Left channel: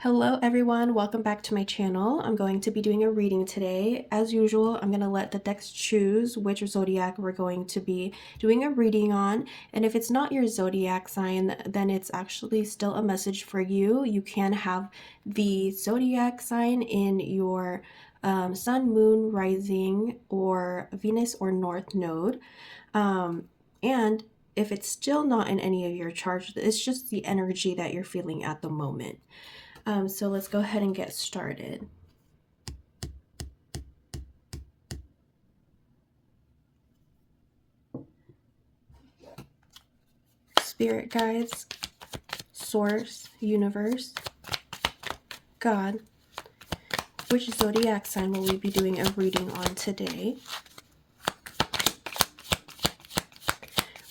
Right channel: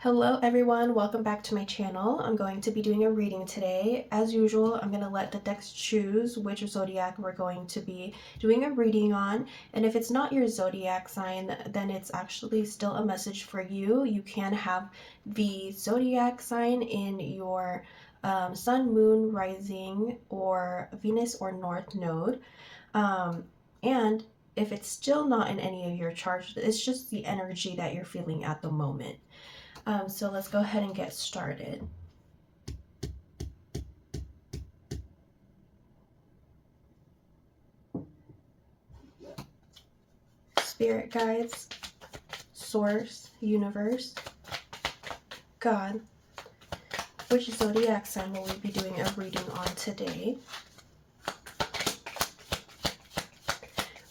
Hello everyone, welcome back to my channel. I'm going to be doing a reading today. As usual, I'm going to let the decks choose which zodiac we're going to be doing a reading on. And if it's not your zodiac sign, then it's actually still a message for you. You can have the zodiac sign in your sun, moon, rising, or Venus or North node. And if it's still not in any of your charts, it's just the energy that you're feeling at the moment. So let's go ahead and get started. Spirit guides, source, universe, God. Which zodiac sign will we be doing a reading on today?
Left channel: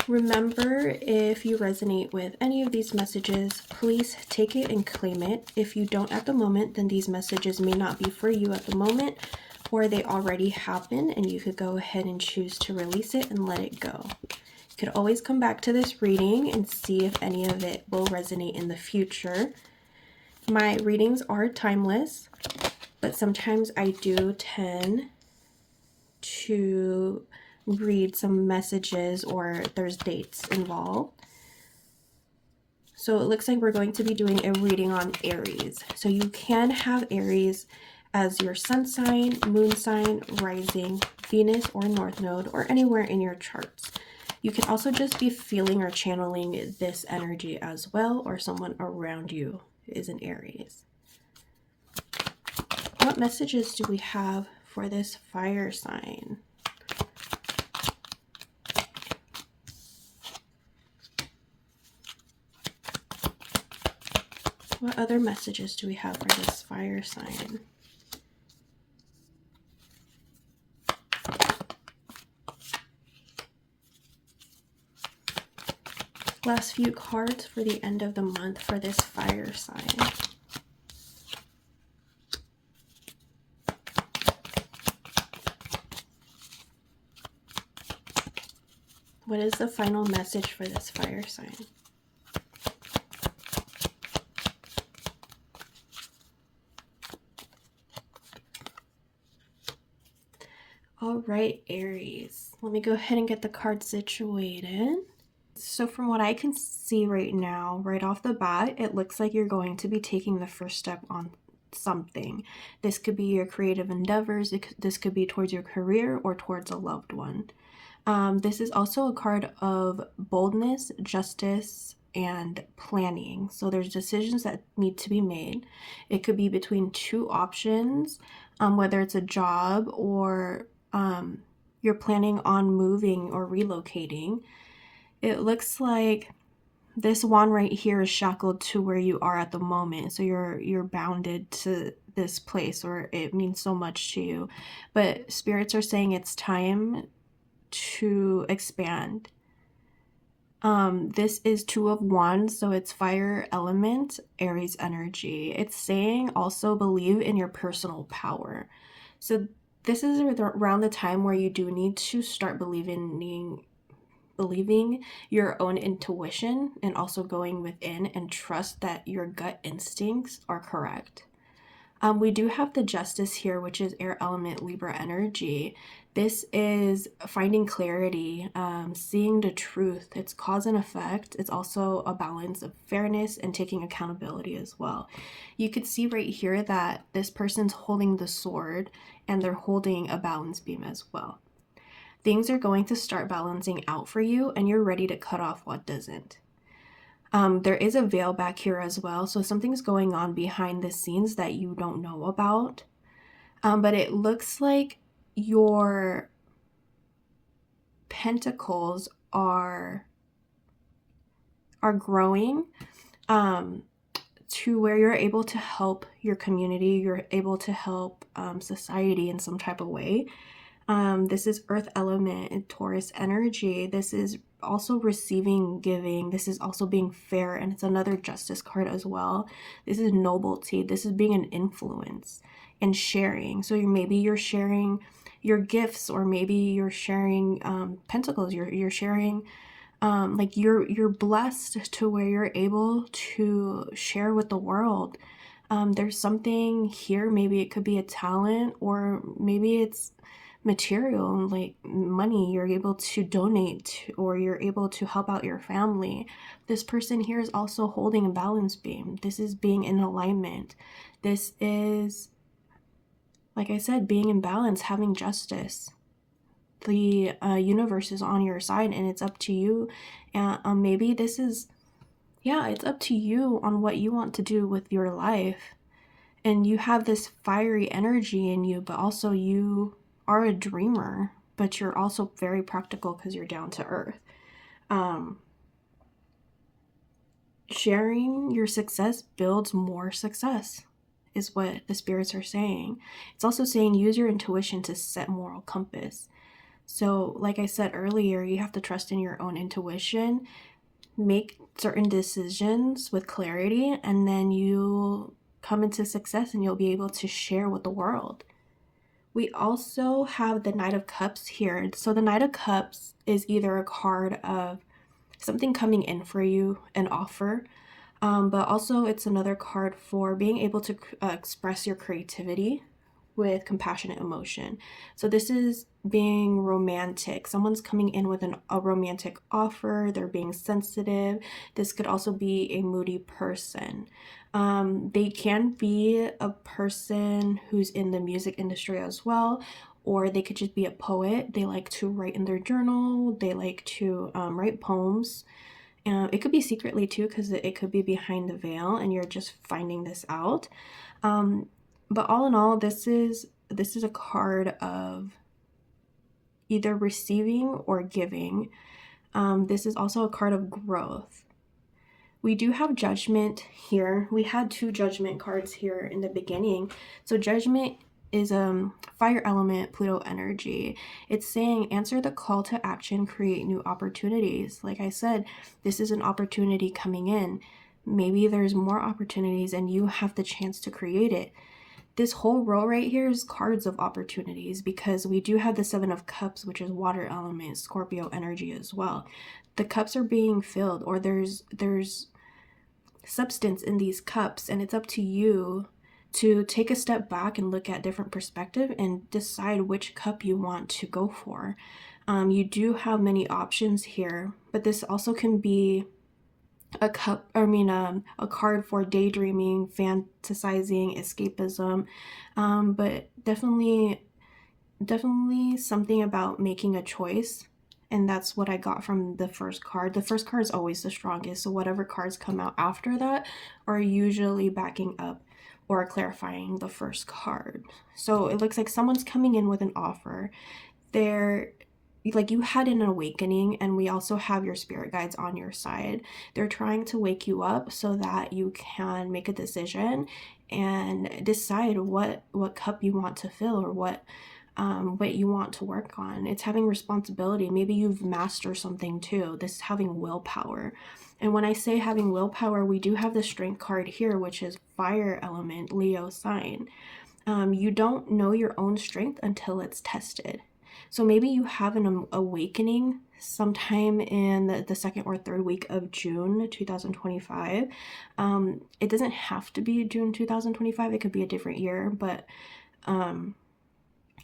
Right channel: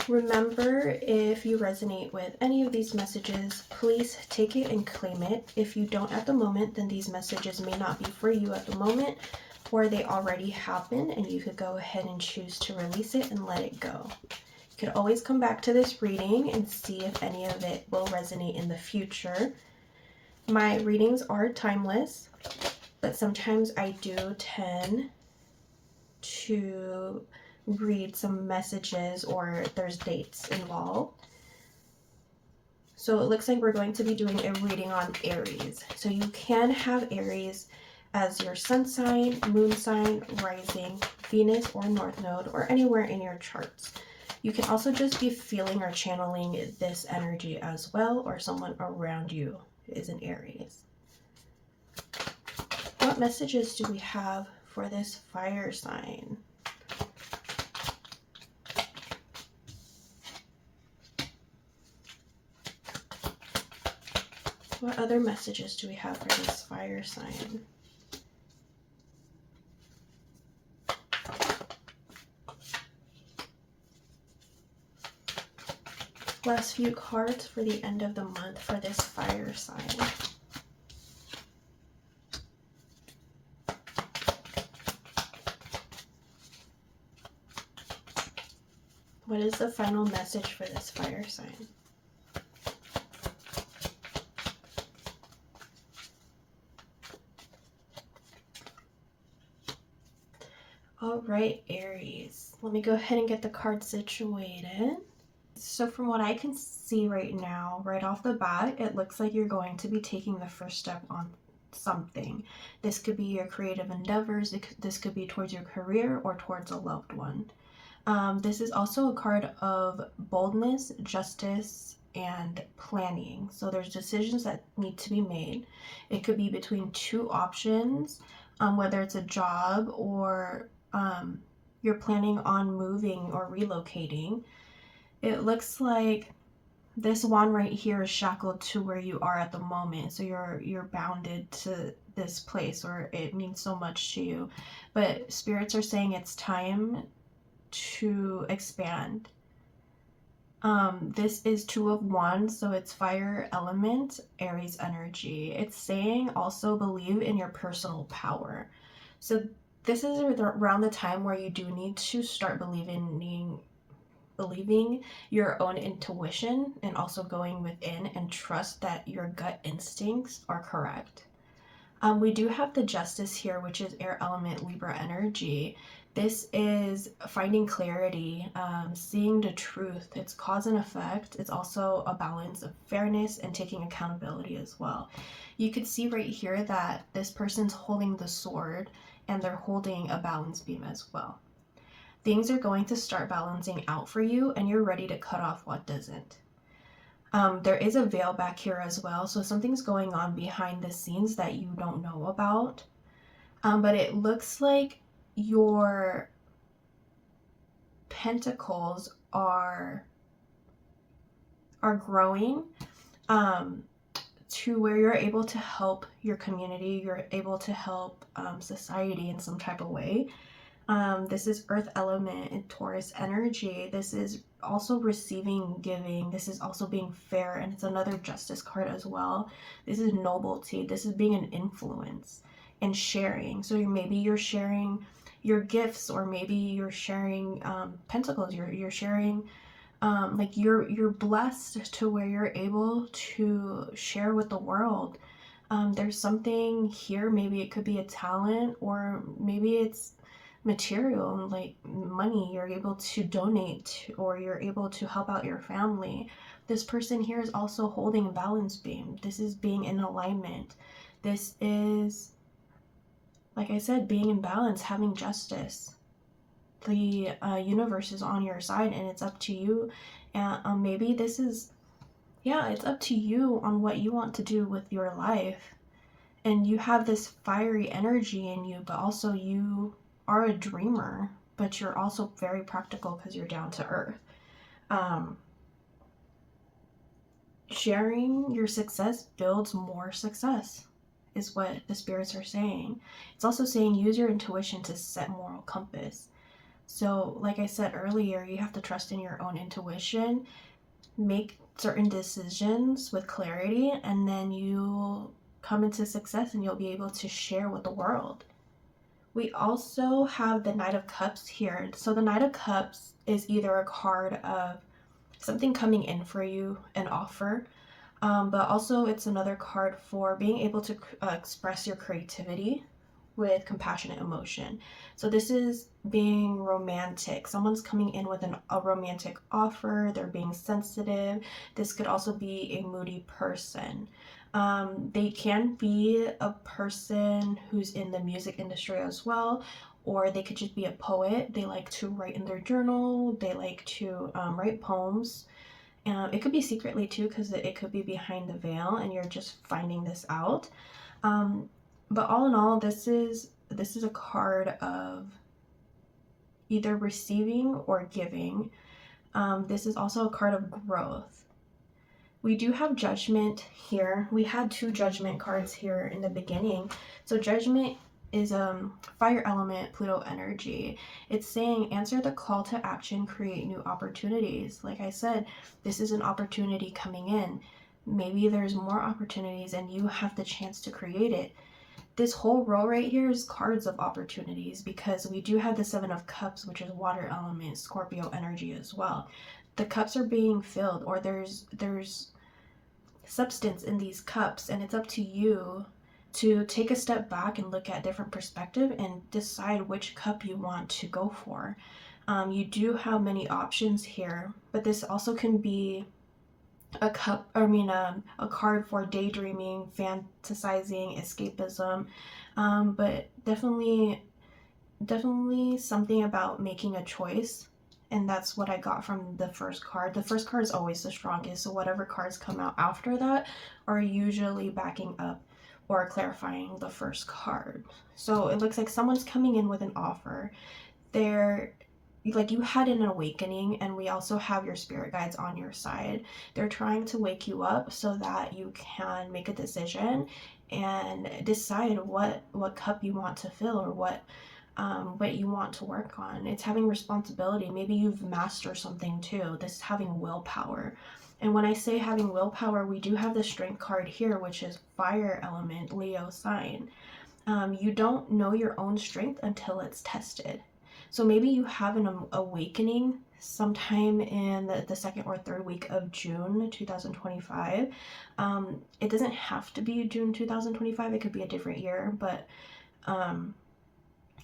Remember, if you resonate with any of these messages, please take it and claim it. If you don't at the moment, then these messages may not be for you at the moment, or they already happen, and you could go ahead and choose to release it and let it go. You could always come back to this reading and see if any of it will resonate in the future. My readings are timeless, but sometimes I do tend to read some messages or there's dates involved. So it looks like we're going to be doing a reading on Aries. So you can have Aries as your sun sign, moon sign, rising, Venus or North node, or anywhere in your charts. You can also just be feeling or channeling this energy as well, or someone around you is an Aries. What messages do we have for this fire sign? What other messages do we have for this fire sign? Last few cards for the end of the month for this fire sign. What is the final message for this fire sign? All right, Aries. Let me go ahead and get the card situated. So from what I can see right now, right off the bat, it looks like you're going to be taking the first step on something. This could be your creative endeavors. This could be towards your career or towards a loved one. This is also a card of boldness, justice, and planning. So there's decisions that need to be made. It could be between two options, whether it's a job or you're planning on moving or relocating. It looks like this wand right here is shackled to where you are at the moment. So you're bounded to this place, or it means so much to you. But spirits are saying it's time to expand. This is Two of Wands, so it's fire element, Aries energy. It's saying also believe in your personal power. So this is around the time where you do need to start believing your own intuition and also going within and trust that your gut instincts are correct. We do have the Justice here, which is air element, Libra energy. This is finding clarity, seeing the truth. It's cause and effect. It's also a balance of fairness and taking accountability as well. You could see right here that this person's holding the sword and they're holding a balance beam as well. Things are going to start balancing out for you and you're ready to cut off what doesn't. There is a veil back here as well, so something's going on behind the scenes that you don't know about. But it looks like your pentacles are growing to where you're able to help your community, you're able to help society in some type of way. This is earth element and Taurus energy. This is also receiving, giving. This is also being fair, and it's another justice card as well. This is nobility. This is being an influence and sharing. So maybe you're sharing your gifts, or maybe you're sharing pentacles. You're sharing like you're blessed to where you're able to share with the world. There's something here, maybe it could be a talent, or maybe it's material, like money you're able to donate, or you're able to help out your family. This person here is also holding a balance beam. This is being in alignment. This is, like I said, being in balance, having justice. The universe is on your side, and it's up to you. And maybe this is, yeah, it's up to you on what you want to do with your life. And you have this fiery energy in you, but also you are a dreamer, but you're also very practical because you're down to earth. Um, Sharing your success builds more success, is what the spirits are saying. It's also saying use your intuition to set moral compass. So, like I said earlier, you have to trust in your own intuition, make certain decisions with clarity, and then you come into success and you'll be able to share with the world. We also have the Knight of Cups here. So the Knight of Cups is either a card of something coming in for you, an offer, but also it's another card for being able to express your creativity with compassionate emotion. So this is being romantic. Someone's coming in with a romantic offer. They're being sensitive. This could also be a moody person. They can be a person who's in the music industry as well, or they could just be a poet. They like to write in their journal. They like to write poems. It could be secretly too, because it could be behind the veil, and you're just finding this out. Um, but all in all, this is a card of either receiving or giving. This is also a card of growth. We do have Judgment here. We had two Judgment cards here in the beginning. So Judgment is fire element, Pluto energy. It's saying answer the call to action, create new opportunities. Like I said, this is an opportunity coming in. Maybe there's more opportunities and you have the chance to create it. This whole row right here is cards of opportunities, because we do have the Seven of Cups, which is water element, Scorpio energy as well. The cups are being filled, or there's substance in these cups, and it's up to you to take a step back and look at different perspective and decide which cup you want to go for. You do have many options here, but this also can be a card for daydreaming, fantasizing, escapism, but definitely something about making a choice. And that's what I got from the first card. The first card is always the strongest, so whatever cards come out after that are usually backing up or clarifying the first card. So it looks like someone's coming in with an offer. They're like, you had an awakening, and we also have your spirit guides on your side. They're trying to wake you up so that you can make a decision and decide what cup you want to fill, or what you want to work on. It's having responsibility. Maybe you've mastered something too. This is having willpower. And when I say having willpower, we do have the strength card here, which is fire element, Leo sign. You don't know your own strength until it's tested. So maybe you have an awakening sometime in the second or third week of June 2025. It doesn't have to be June 2025. It could be a different year, but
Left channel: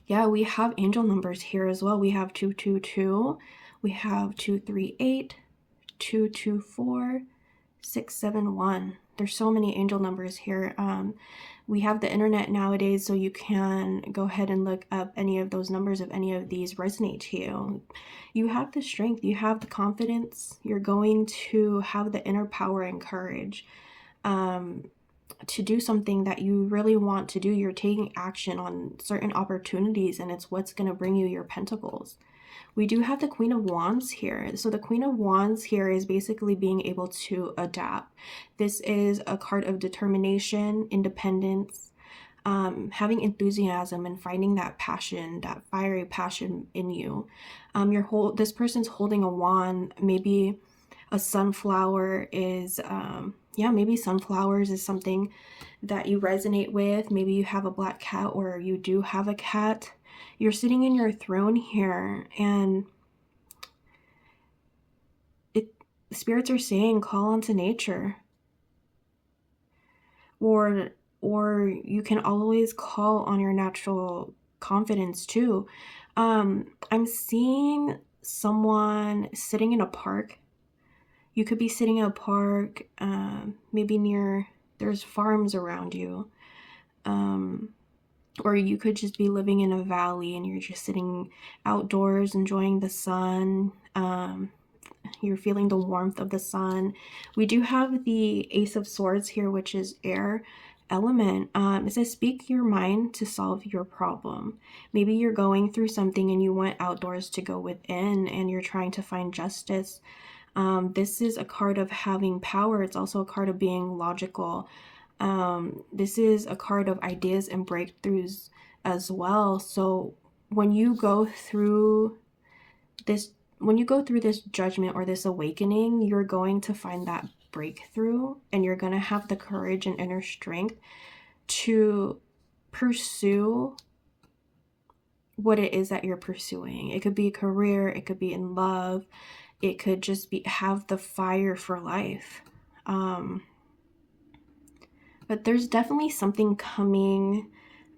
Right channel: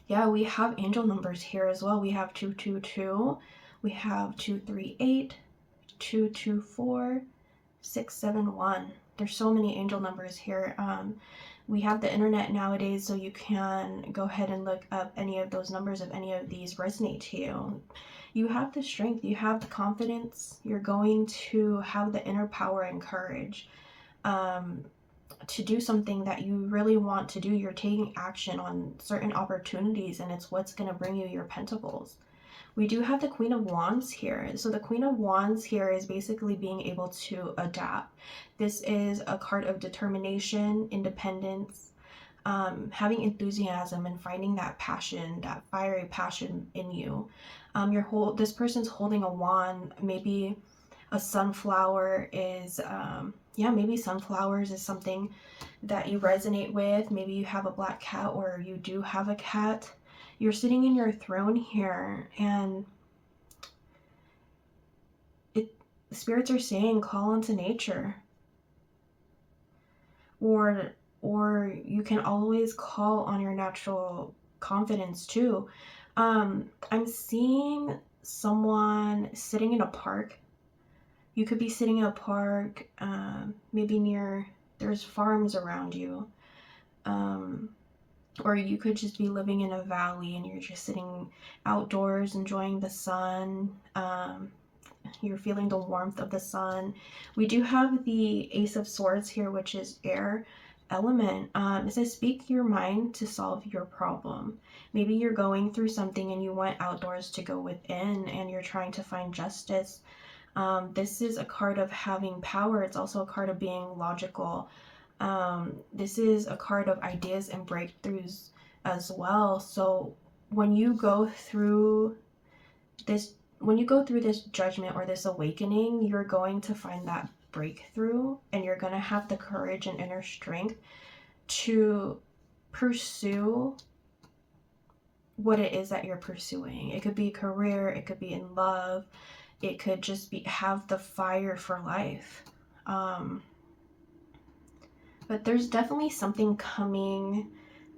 yeah, we have angel numbers here as well. We have 222, we have 238, 224, 671. There's so many angel numbers here. We have the internet nowadays, so you can go ahead and look up any of those numbers if any of these resonate to you. You have the strength, you have the confidence, you're going to have the inner power and courage to do something that you really want to do. You're taking action on certain opportunities, and it's what's going to bring you your pentacles. We do have the Queen of Wands here. So the Queen of Wands here is basically being able to adapt. This is a card of determination, independence, having enthusiasm, and finding that passion, that fiery passion in you. This person's holding a wand. Maybe a sunflower is, maybe sunflowers is something that you resonate with. Maybe you have a black cat, or you do have a cat. You're sitting in your throne here, and spirits are saying call into nature, or or you can always call on your natural confidence too. I'm seeing someone sitting in a park. You could be sitting in a park, maybe near, there's farms around you. Um, or you could just be living in a valley and you're just sitting outdoors enjoying the sun. You're feeling the warmth of the sun. We do have the Ace of Swords here, which is air element. It says speak your mind to solve your problem. Maybe you're going through something and you want outdoors to go within and you're trying to find justice. This is a card of having power. It's also a card of being logical. This is a card of ideas and breakthroughs as well. So when you go through this judgment or this awakening, you're going to find that breakthrough, and you're going to have the courage and inner strength to pursue what it is that you're pursuing. It could be a career, it could be in love, it could just be have the fire for life. But there's definitely something coming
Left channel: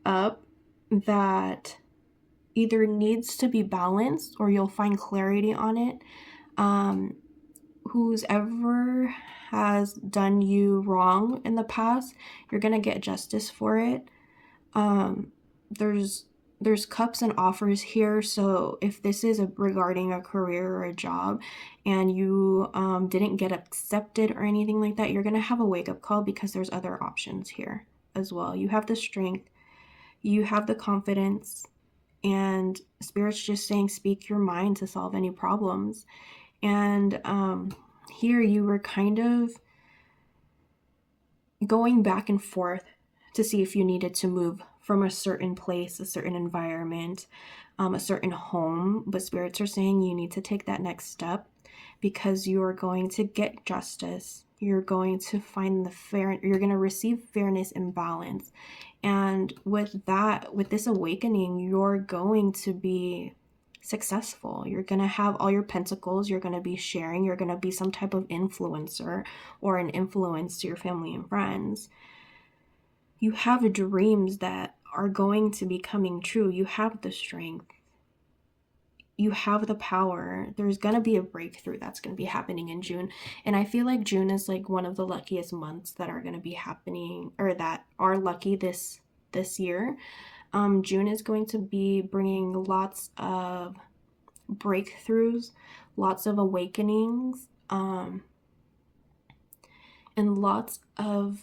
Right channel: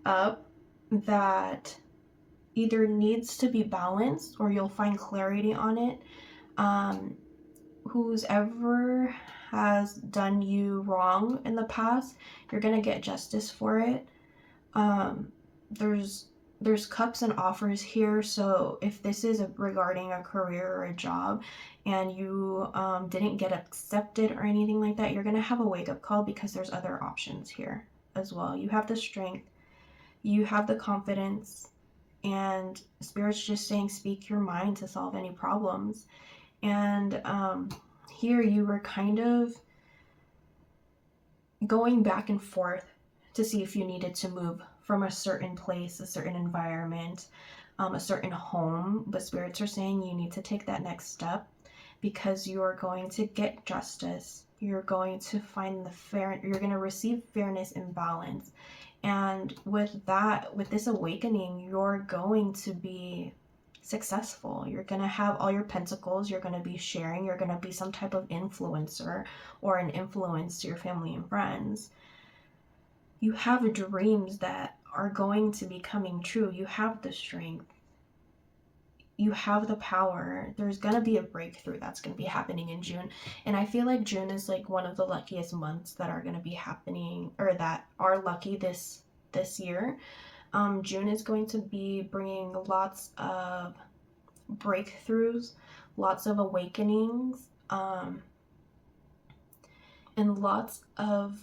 up that either needs to be balanced or you'll find clarity on it. Who's ever has done you wrong in the past, you're gonna get justice for it. There's cups and offers here, so if this is regarding a career or a job and you didn't get accepted or anything like that, you're gonna have a wake-up call because there's other options here as well. You have the strength, you have the confidence, and Spirit's just saying speak your mind to solve any problems. And here you were kind of going back and forth to see if you needed to move from a certain place, a certain environment, a certain home. But spirits are saying you need to take that next step because you are going to get justice. You're going to find the fair, you're going to receive fairness and balance. And with that, with this awakening, you're going to be successful. You're going to have all your pentacles. You're going to be sharing. You're going to be some type of influencer or an influence to your family and friends. You have dreams that are going to be coming true. You have the strength. You have the power. There's going to be a breakthrough that's going to be happening in June. And I feel like June is like one of the luckiest months that are going to be happening, or that are lucky this year. June is going to be bringing lots of breakthroughs, lots of awakenings, and lots of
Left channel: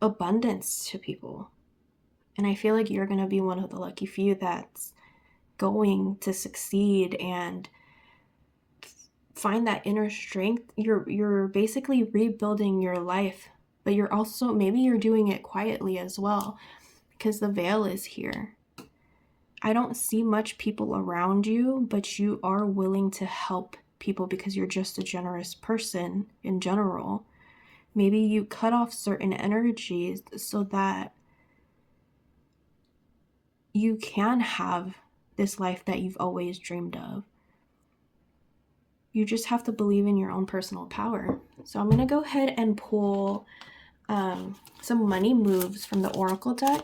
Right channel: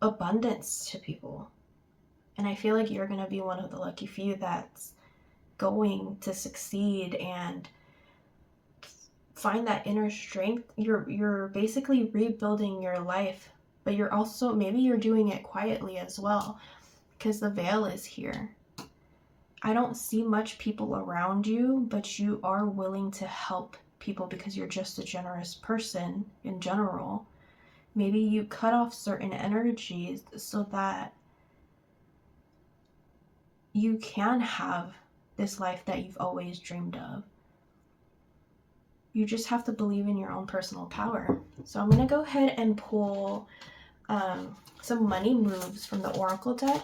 abundance to people. And I feel like you're going to be one of the lucky few that's going to succeed and find that inner strength. You're basically rebuilding your life, but you're also, maybe you're doing it quietly as well, because the veil is here. I don't see much people around you, but you are willing to help people because you're just a generous person in general. Maybe you cut off certain energies so that you can have this life that you've always dreamed of. You just have to believe in your own personal power. So I'm going to go ahead and pull some money moves from the Oracle deck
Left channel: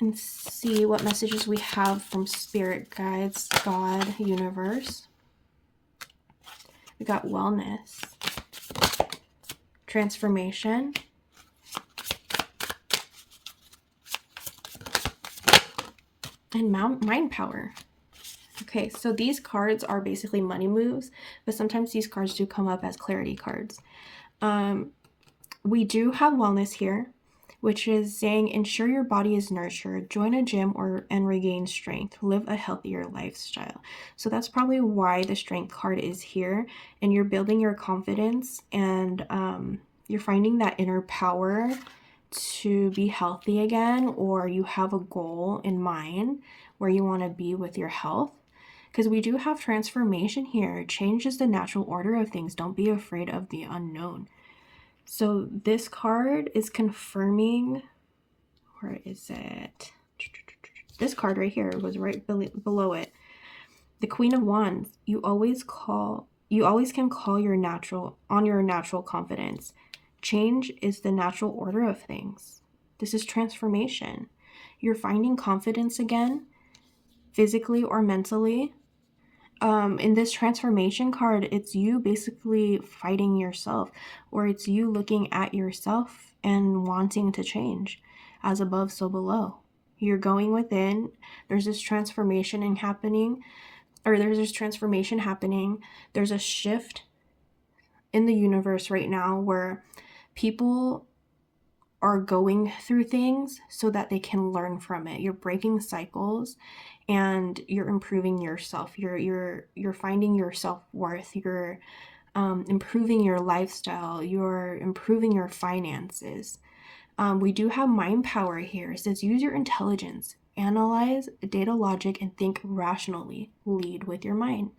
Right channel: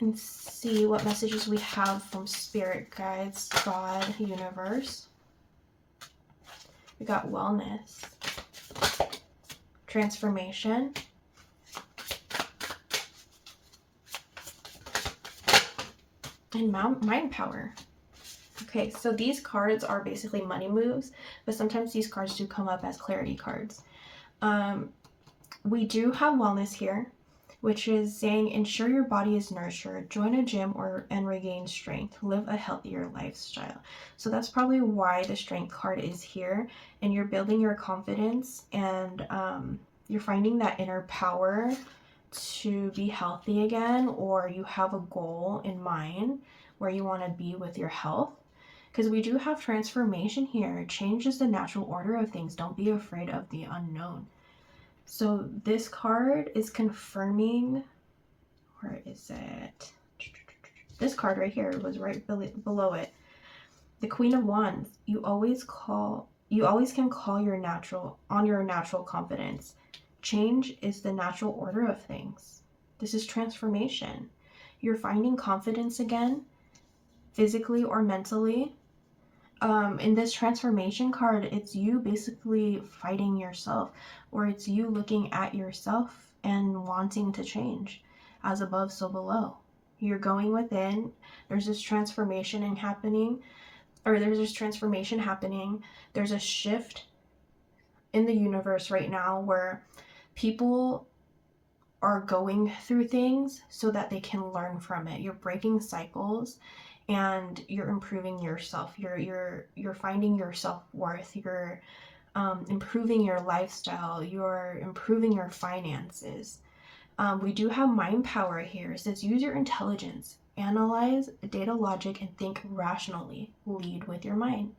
and see what messages we have from Spirit Guides, God, Universe. We got wellness, transformation, and mind power. Okay, so these cards are basically money moves, but sometimes these cards do come up as clarity cards. We do have wellness here, which is saying ensure your body is nurtured, join a gym and regain strength, live a healthier lifestyle. So that's probably why the strength card is here, and you're building your confidence, and you're finding that inner power to be healthy again, or you have a goal in mind where you want to be with your health. Because we do have transformation here. Change is the natural order of things. Don't be afraid of the unknown. So this card is confirming, where is it? This card right here was right below it. The Queen of Wands. You always can call your natural confidence. Change is the natural order of things. This is transformation. You're finding confidence again, physically or mentally. In this transformation card, it's you basically fighting yourself, or it's you looking at yourself and wanting to change. As above, so below. You're going within. There's this transformation happening. There's a shift in the universe right now where people are going through things so that they can learn from it. You're breaking cycles and you're improving yourself. You're finding your self-worth. You're improving your lifestyle. You're improving your finances. We do have mind power here. It says use your intelligence, analyze data logic, and think rationally. Lead with your mind.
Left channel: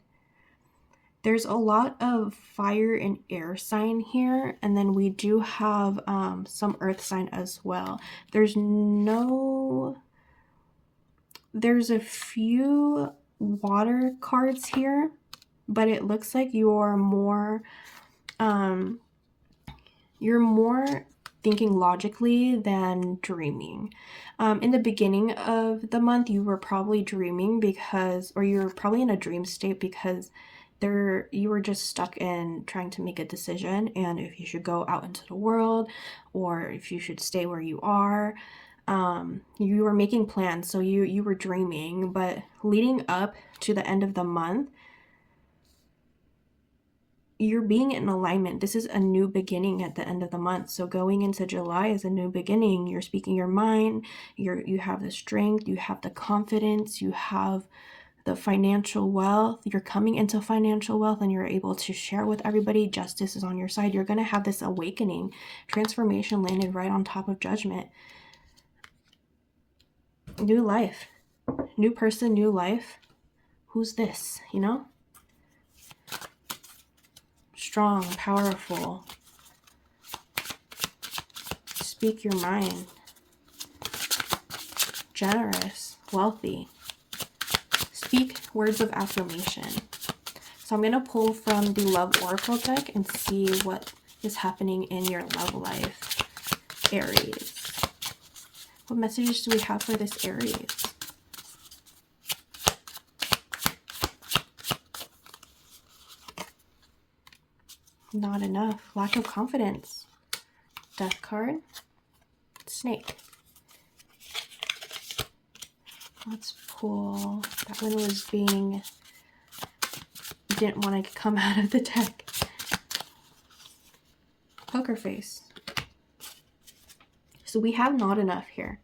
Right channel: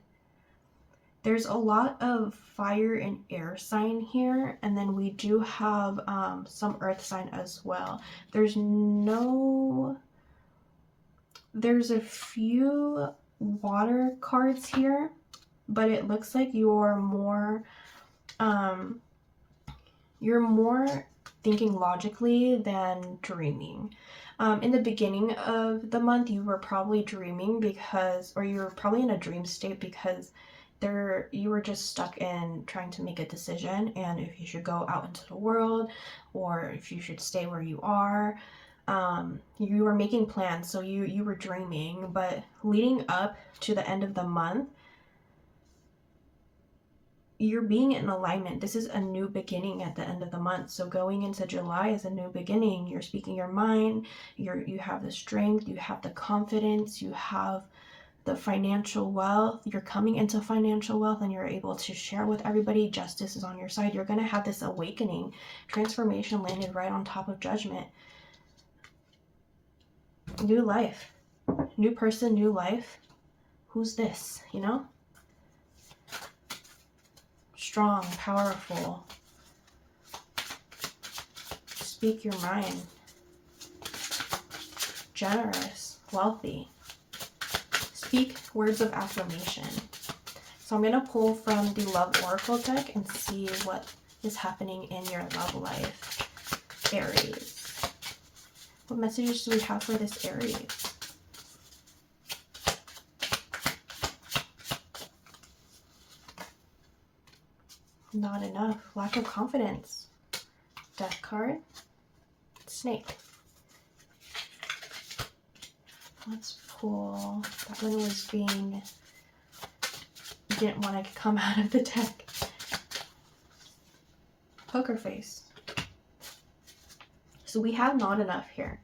There's a lot of fire and air sign here, and then we do have some earth sign as well. There's a few water cards here, but it looks like you're more thinking logically than dreaming. In the beginning of the month, you were probably dreaming or you were probably in a dream state because you were just stuck in trying to make a decision, and if you should go out into the world or if you should stay where you are. You were making plans, so you were dreaming. But leading up to the end of the month, you're being in alignment. This is a new beginning at the end of the month. So going into July is a new beginning. You're speaking your mind. You have the strength. You have the confidence. You have the financial wealth. You're coming into financial wealth and you're able to share with everybody. Justice is on your side. You're going to have this awakening. Transformation landed right on top of judgment. New life. New person, new life. Who's this? Strong, powerful. Speak your mind. Generous, wealthy. Speak words of affirmation. So I'm going to pull from the Love Oracle deck and see what is happening in your love life, Aries. What messages do we have for this Aries? Not enough. Lack of confidence. Death card. Snake. Let's pull. That one was didn't want to come out of the deck. Poker face. So we have not enough here.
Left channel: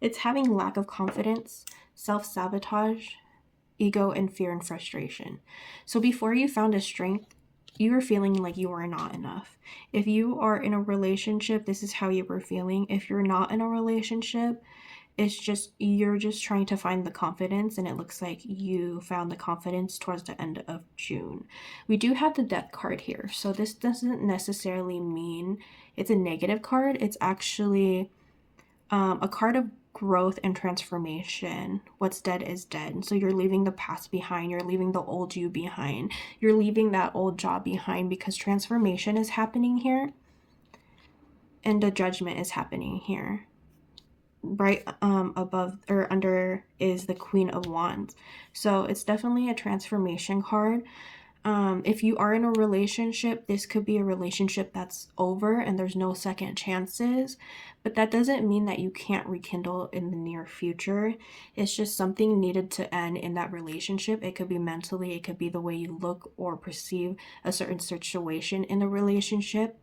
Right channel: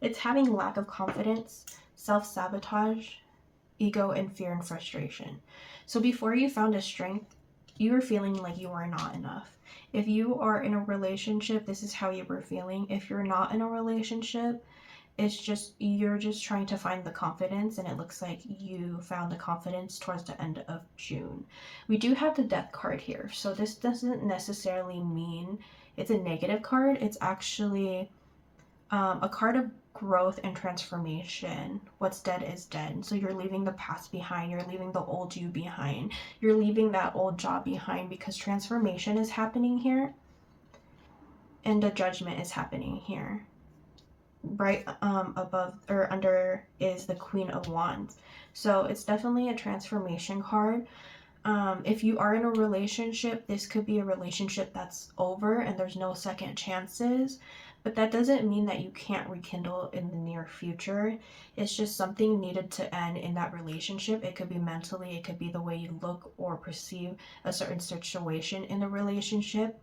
It's having lack of confidence, self-sabotage, ego, and fear and frustration. So before you found a strength, you were feeling like you were not enough. If you are in a relationship, this is how you were feeling. If you're not in a relationship, you're just trying to find the confidence, and it looks like you found the confidence towards the end of June. We do have the Death card here, so this doesn't necessarily mean it's a negative card. It's actually a card of growth and transformation. What's dead is dead. So you're leaving the past behind. You're leaving the old you behind. You're leaving that old job behind because transformation is happening here and the judgment is happening here. Right above or under is the Queen of Wands. So it's definitely a transformation card. If you are in a relationship, this could be a relationship that's over and there's no second chances, but that doesn't mean that you can't rekindle in the near future. It's just something needed to end in that relationship. It could be mentally, it could be the way you look or perceive a certain situation in the relationship.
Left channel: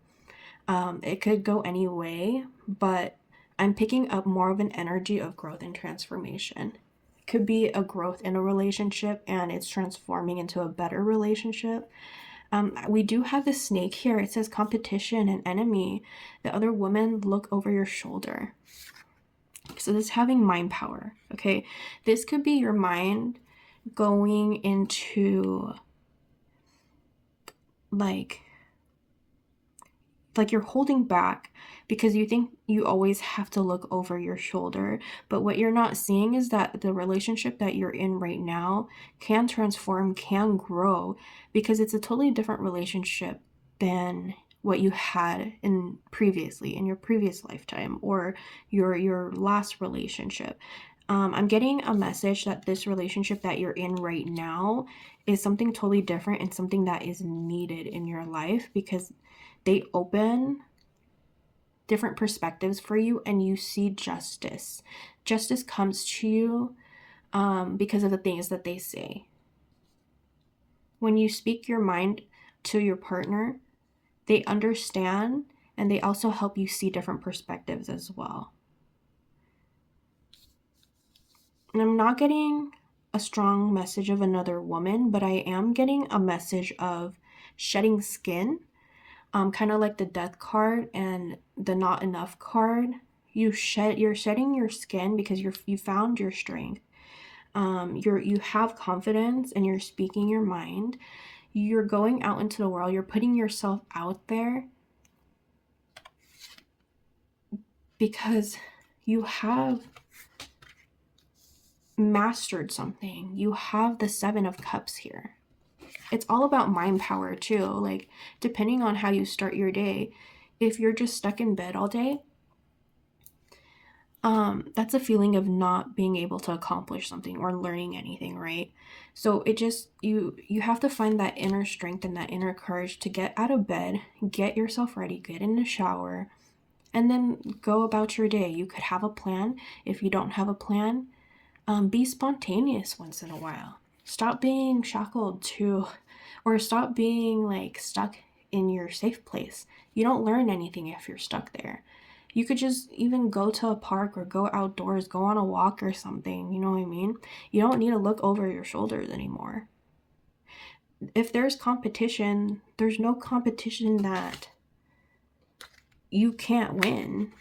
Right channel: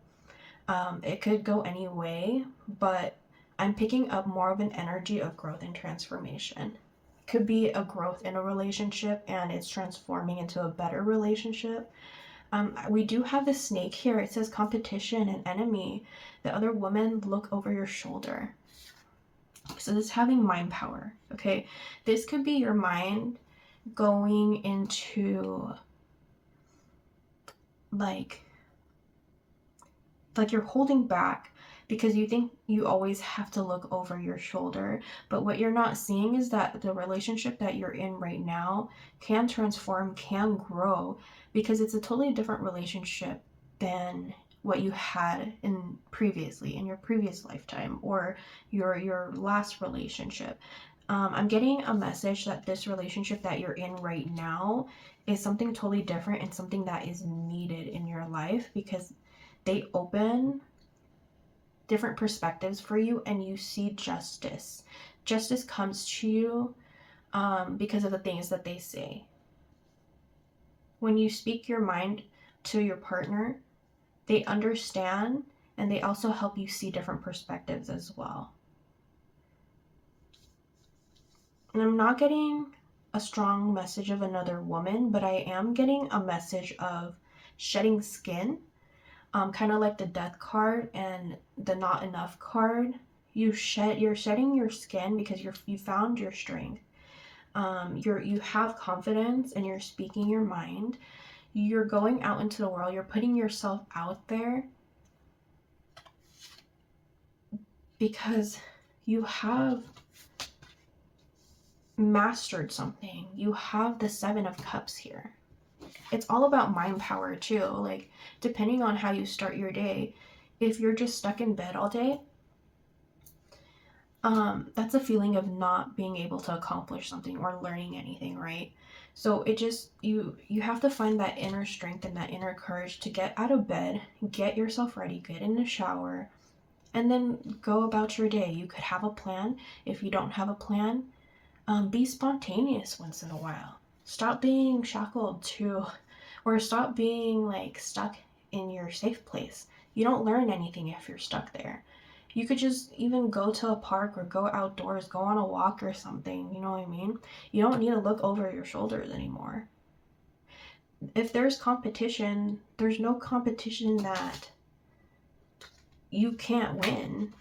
It could go any way, but I'm picking up more of an energy of growth and transformation. Could be a growth in a relationship and it's transforming into a better relationship. We do have the snake here. It says competition and enemy. The other woman, look over your shoulder. So this is having mind power. Okay, this could be your mind going into like you're holding back because you think you always have to look over your shoulder. But what you're not seeing is that the relationship that you're in right now can transform, can grow, because it's a totally different relationship than what you had in your previous lifetime, or your last relationship. I'm getting a message that this relationship that you're in right now is something totally different and something that is needed in your life, because they open different perspectives for you and you see justice. Justice comes to you because of the things that they say. When you speak your mind to your partner, they understand, and they also help you see different perspectives as well. And I'm not getting a strong message of another woman, but I am getting a message of shedding skin, kind of like the death card and the not enough card. You're shedding your skin because you found your strength. You have confidence and you're speaking your mind. You're going out into the world. You're putting yourself out there because you have mastered something. You have the 7 of Cups here. It's all about mind power too. Like, depending on how you start your day, if you're just stuck in bed all day, that's a feeling of not being able to accomplish something or learning anything, right? So it just, you have to find that inner strength and that inner courage to get out of bed, get yourself ready, get in the shower, and then go about your day. You could have a plan. If you don't have a plan, be spontaneous once in a while. Stop being shackled to, or stop being like stuck in your safe place. You don't learn anything if you're stuck there. You could just even go to a park or go outdoors, go on a walk or something, you know what I mean? You don't need to look over your shoulders anymore. If there's competition, there's no competition that you can't win,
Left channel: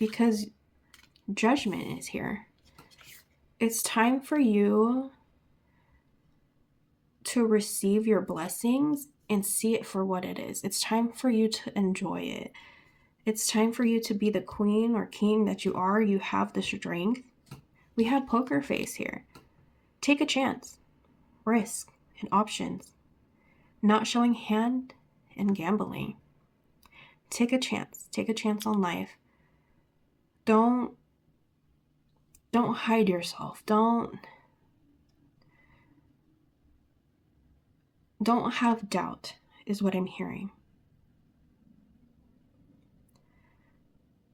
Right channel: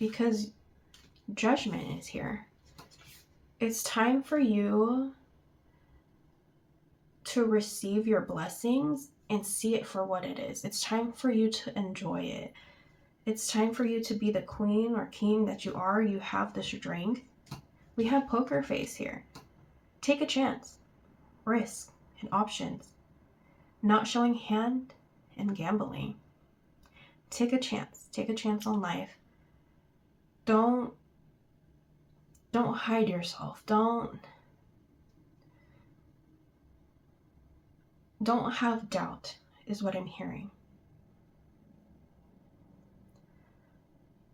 because judgment is here. It's time for you to receive your blessings and see it for what it is. It's time for you to enjoy it. It's time for you to be the queen or king that you are. You have the strength. We have poker face here. Take a chance, risk, and options. Not showing hand and gambling. Take a chance. Take a chance on life. Don't hide yourself. Don't have doubt, is what I'm hearing.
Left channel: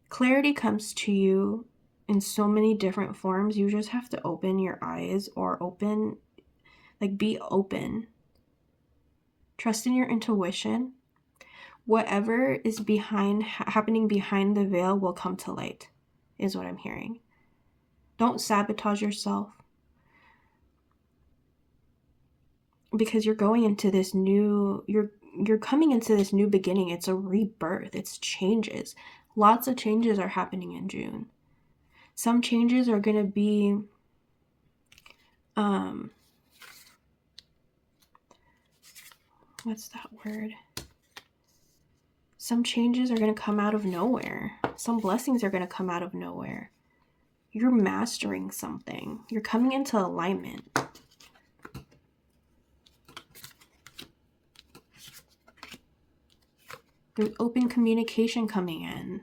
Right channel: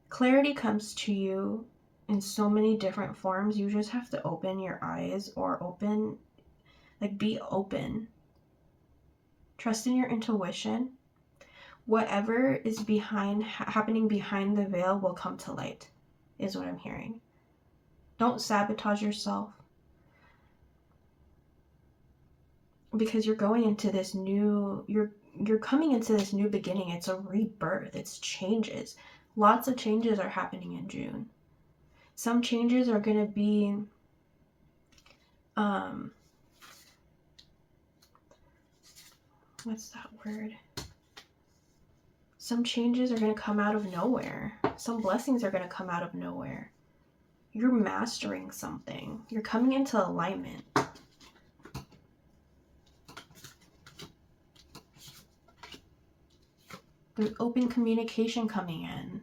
Clarity comes to you in so many different forms. You just have to open your eyes, or be open. Trust in your intuition. Whatever is happening behind the veil will come to light, is what I'm hearing. Don't sabotage yourself, because you're going into this new, you're coming into this new beginning. It's a rebirth. It's changes. Lots of changes are happening in June. Some changes are going to be what's that word? Some changes are going to come out of nowhere. Some blessings are going to come out of nowhere. You're mastering something. You're coming into alignment. There's open communication coming in.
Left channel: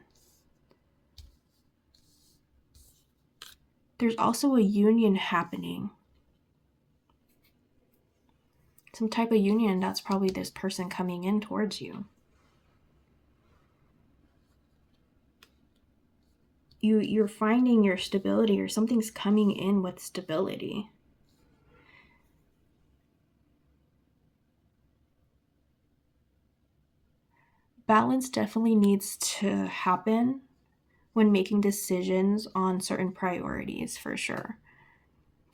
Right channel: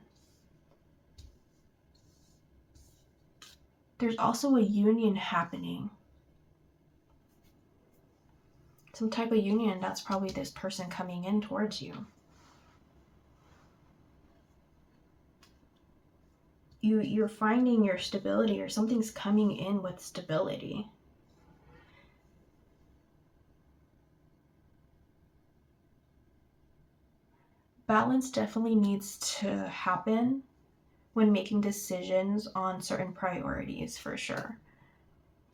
There's also a union happening. Some type of union that's probably this person coming in towards you. You're finding your stability, or something's coming in with stability. Balance definitely needs to happen when making decisions on certain priorities, for sure.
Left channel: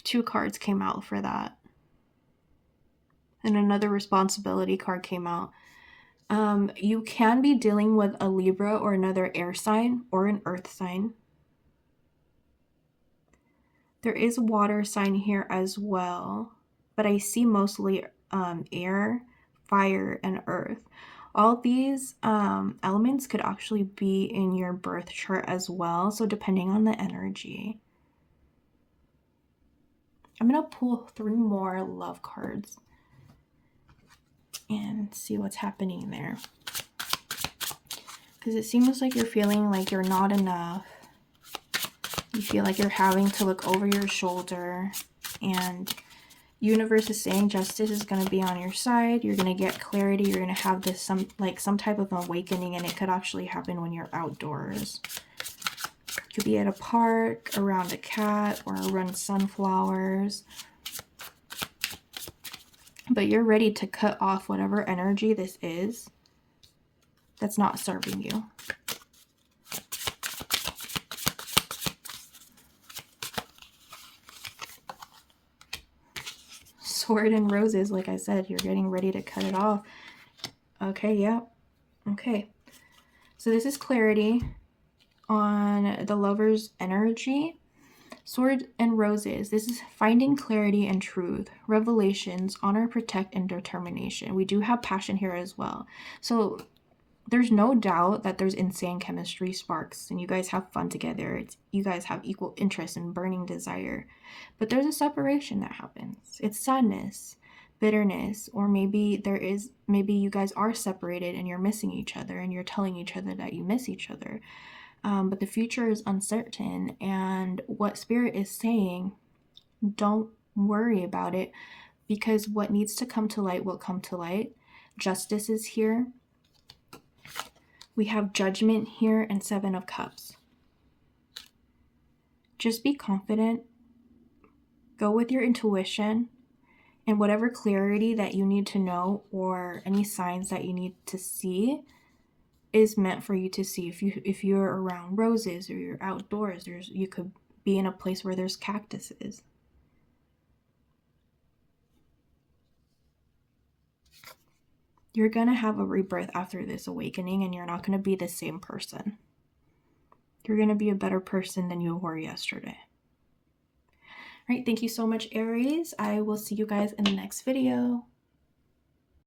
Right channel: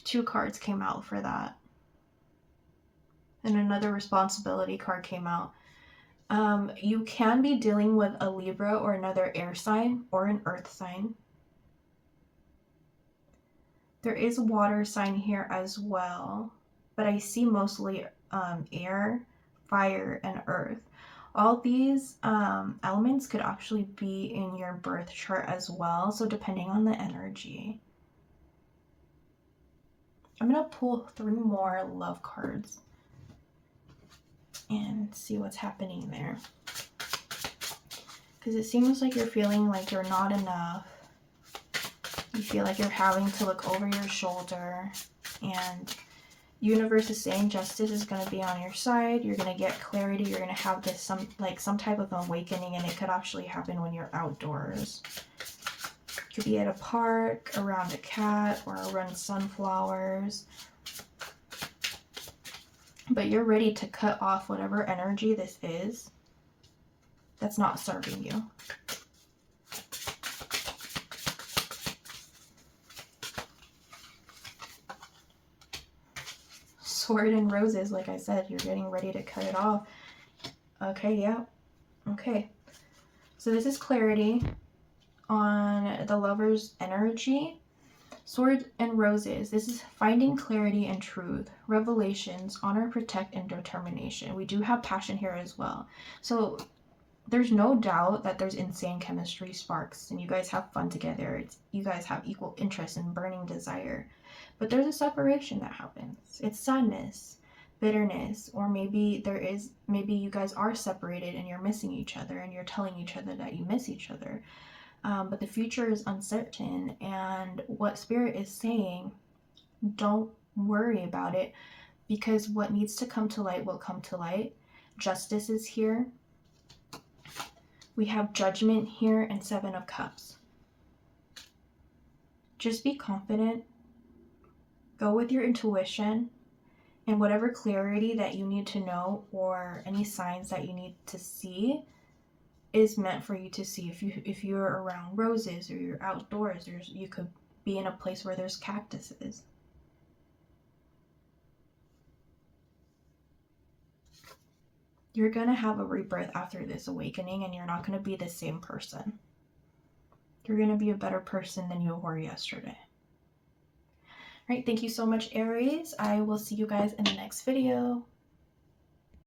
2 cards came out for that. And another responsibility card came out. You can be dealing with a Libra or another air sign or an earth sign. There is a water sign here as well, but I see mostly air, fire, and earth. All these elements could actually be in your birth chart as well, so depending on the energy. I'm going to pull 3 more love cards and see what's happening there. Because it seems like you're feeling like you're not enough. You feel like you're having to look over your shoulder, and universe is saying justice is going to be on your side. You're going to get clarity. You're going to have this some type of awakening, and it could actually happen when you're outdoors. You could be at a park, around a cat, or around sunflowers. But you're ready to cut off whatever energy this is that's not serving you. Sword and roses, like I said, you're getting ready to cut it off. Okay, yeah. Okay. So this is clarity on the lover's energy. Sword and roses. This is finding clarity and truth, revelations, honor, protect, and determination. We do have passion here as well. So there's no doubt that there's insane chemistry, sparks, and you guys have fun together. You guys have equal interest and burning desire. But there's a separation that happens. It's sadness, bitterness, or maybe you guys are separated and you're missing each other and you're telling each other that you miss each other. But the future is uncertain, and what Spirit is saying, don't worry about it, because what needs to come to light will come to light. Justice is here. We have Judgment here and Seven of Cups. Just be confident. Go with your intuition, and whatever clarity that you need to know or any signs that you need to see is meant for you to see. If you're around roses or you're outdoors, you could be in a place where there's cactuses. You're going to have a rebirth after this awakening, and you're not going to be the same person. You're going to be a better person than you were yesterday. All right, thank you so much, Aries. I will see you guys in the next video.